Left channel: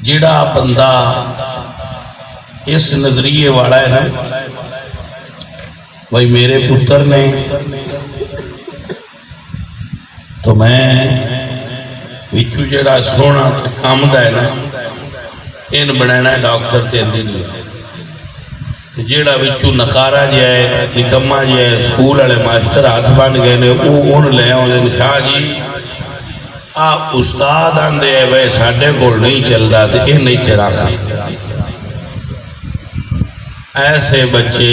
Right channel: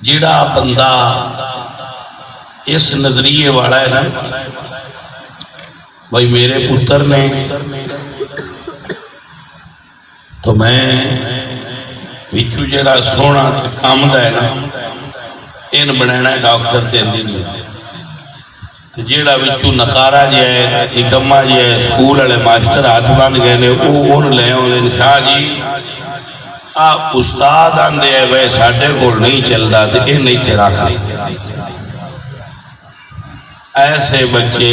جڑا بندہ اس نظریے والا ہے نا بھائی میرے پتر نے تو میں وچو جڑا سونا کام دا ہے نا ان بنانا ہے ڈاکٹر تے انجینئر تے جڑا وچو نقارا جائے نکما جائے سکول والے ماسٹر ہاتھ بن گئے نے اون لے اون شاہ جی آ استاد آندے ہے وہ ساڈے کول نہیں چلدا تے اے نہیں تیرا کھا ایسے بچے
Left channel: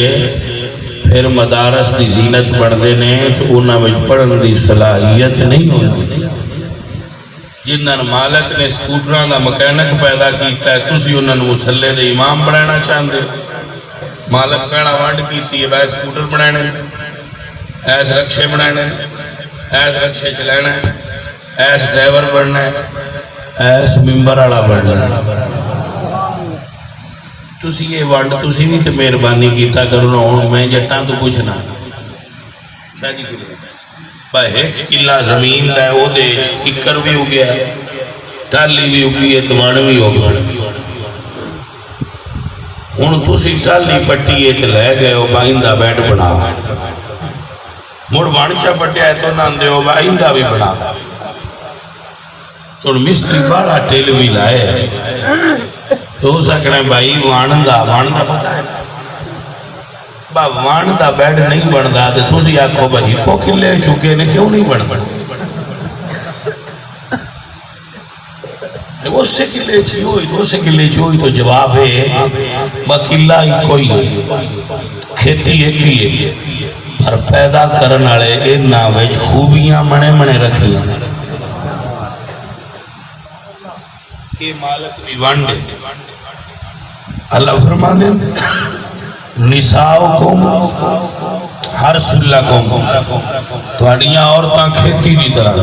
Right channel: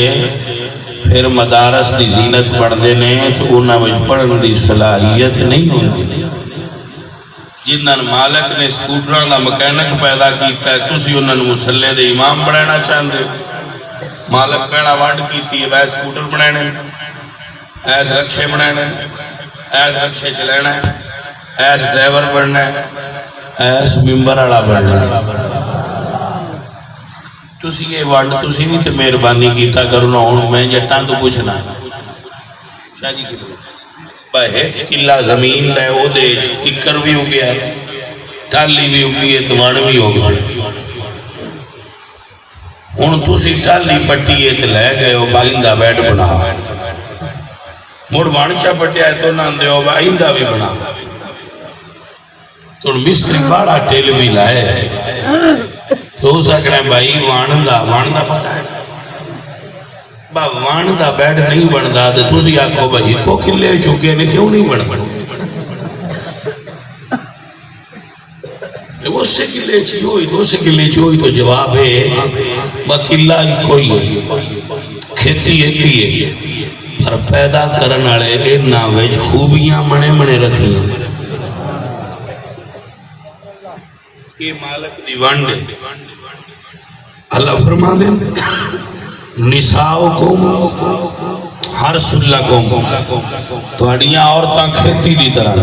پھر مدارس دی زینت بڑھتے ہیں تو انہاں وچ پڑھن دی صلاحیت نہیں ہوتی جنہاں مالک نے سکوٹراں دا مکینک پیدا کیتا ہے تسی انہاں مسلے دے امام بنانا چاہندے مالک پہلا ونڈ کیتی ہے بھائی سکوٹر بنانے ایس رکشے بنانے ایس رکشے چلانا ایس ڈرائیور بننا ایس ممبر والا بننا تسی یہ ونڈ تسی نہیں تو مہربانی کیتا کرو نا ہوں میں جٹاں تو پوچھنا شاہ جی بھائی ایک قلعہ زمین لے وہ دے ککر بھی ہو گیا ٹالی بھی ہو گئی ہے دمان بھی ہو گیا ہوں تسی ٹالی پٹی ہے تو لے گئے ہو بائندہ بیڈ بنا مڑ وانچا پٹیا ہے تو نہ دے ہو بائندہ بھی بنا تو مستری بڑا ٹیل بھی لائے تو سکنا بھائی وانندہ پتا ہے با وانندہ بیڈ نہیں بندا تو تسی آکھو بھائی کو کلے چکے نے کیوں نہیں بن وہ سے کلے چی ہوئی دو سے کلے چی ہوئی تو جواب ہے با کلہ ہی کوئی ہے کھیتی ایک ہی ہے پر پیدا کرن والے انہاں وچ خوبیاں منے رکھی ہیں کہ مالک دی ونڈ اللہ فرما دیں نساؤکم حرث لکم تواڈیاں عورتاں کھیتی دی طرح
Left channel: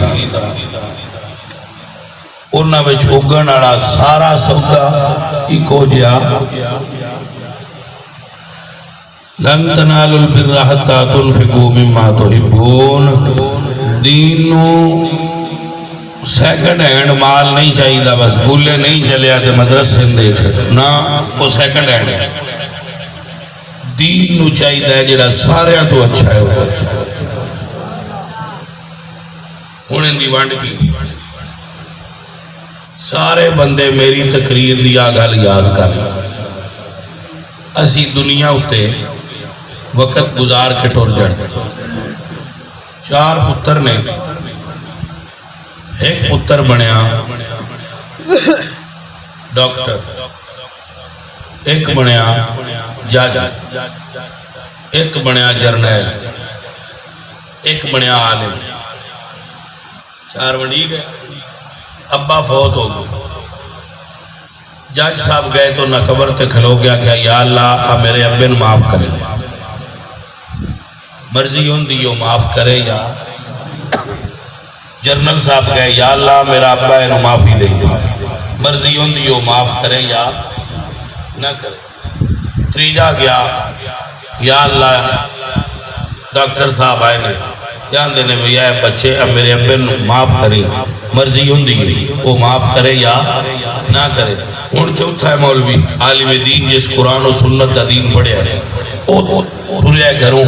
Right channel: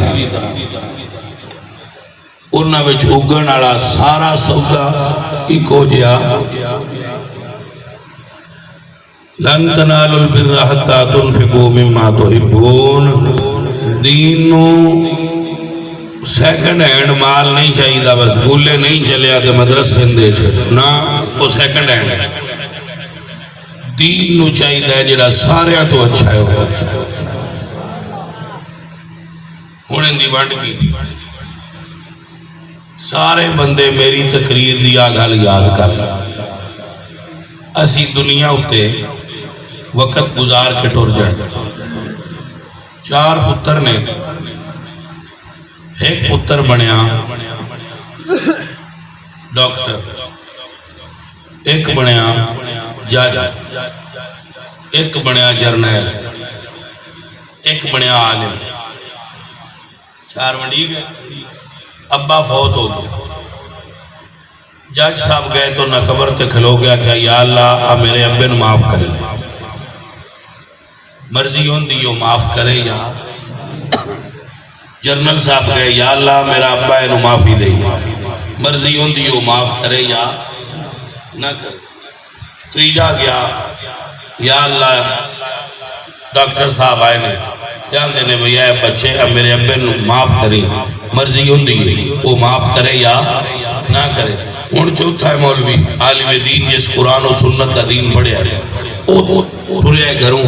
انہاں وچ اگن والا سارا سودا اکو جہا لن تنالوا البر حتى تنفقوا مما تحبون دین نو سیکنڈ ہینڈ مال نہیں چاہیے بس بھولے نہیں چلے آتے مدرسے دے نا وہ سیکنڈ ہینڈ دین نو چاہیے جڑا سارے تو اچھا ہے ہوں ان دی ونڈ کی سارے بندے میری تقریر دی گل یاد کر اسی دنیا ہوتے وقت گزار کے ٹر جائے 4 پتر نے ایک پتر بنیا ڈاکٹر ایک بنیا جج ایک بنیا جرنیل ایک بنیا عالم 4 بنی گئے ابا فوت ہو گئے جج صاحب گئے تو نہ قبر تے کھلو گیا کہ یا اللہ میرے ابے نو معاف کرے مرضی ہوں دیو معاف کرے یا جرنل صاحب گئے یا اللہ میرا ابا ہے نو معافی دے مرضی ہوں دیو معاف کرے یا نہ کرے تریجا گیا یا اللہ ڈاکٹر صاحب آئے نے جان دینے بھئی آئے بچے اب میرے ابے نو معاف کرے مرضی ہوں دیو وہ معاف کرے یا نہ کرے ہون چوتھا ہے مولوی عالم دین جس قرآن و سنت دا دین پڑھے آئے او ٹھلے گھروں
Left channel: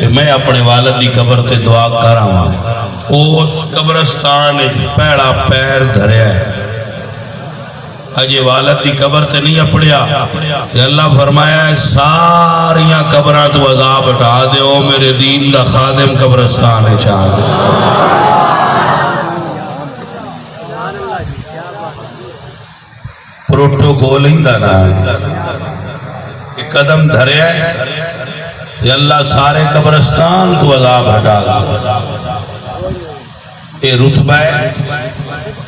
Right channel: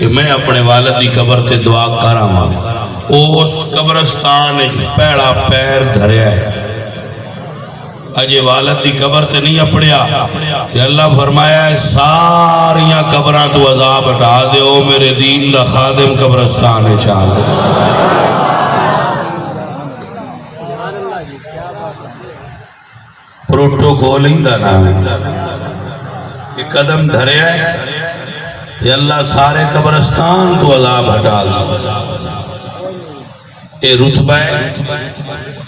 کہ میں اپنے والد دی قبر تے دعا کر رہا ہوں اس قبرستان پہلا پیر دھرے ہے اجے والد دی قبر تے نہیں اپڑیا کہ اللہ فرمایا ہے ساریاں قبران تو عذاب اٹھا دے او میرے دین دا خادم قبرستان چاہ دے پروٹوکول ہی دا نام کہ قدم دھرے ہے کہ اللہ سارے قبرستان تو عذاب ہٹا دے اے رتبہ ہے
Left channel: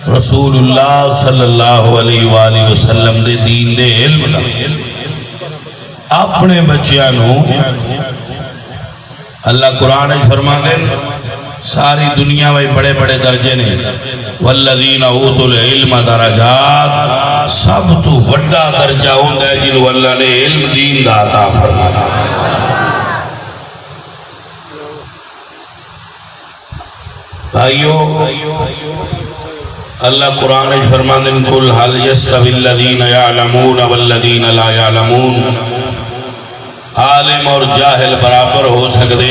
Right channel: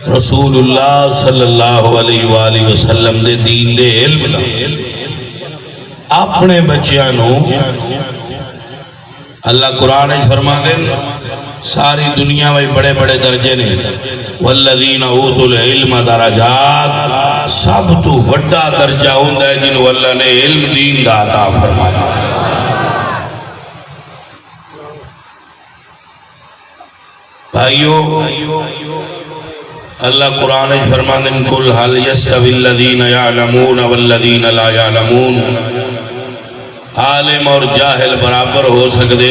رسول اللہ صلی اللہ علیہ وآلہ وسلم دے دین دے علم دا اپنے بچیانوں اللہ قرآن فرما دے ساری دنیا میں بڑے بڑے درجے نے والذین اوتوا العلم درجات سب تو وڈا درجہ ہوندہ ہے جنہوں اللہ نے علم دین دا عطا فرمایا بھائیو اللہ قرآن فرماندے قل هل يستوي الذين يعلمون والذين لا يعلمون، عالم اور جاہل برابر ہو سکتے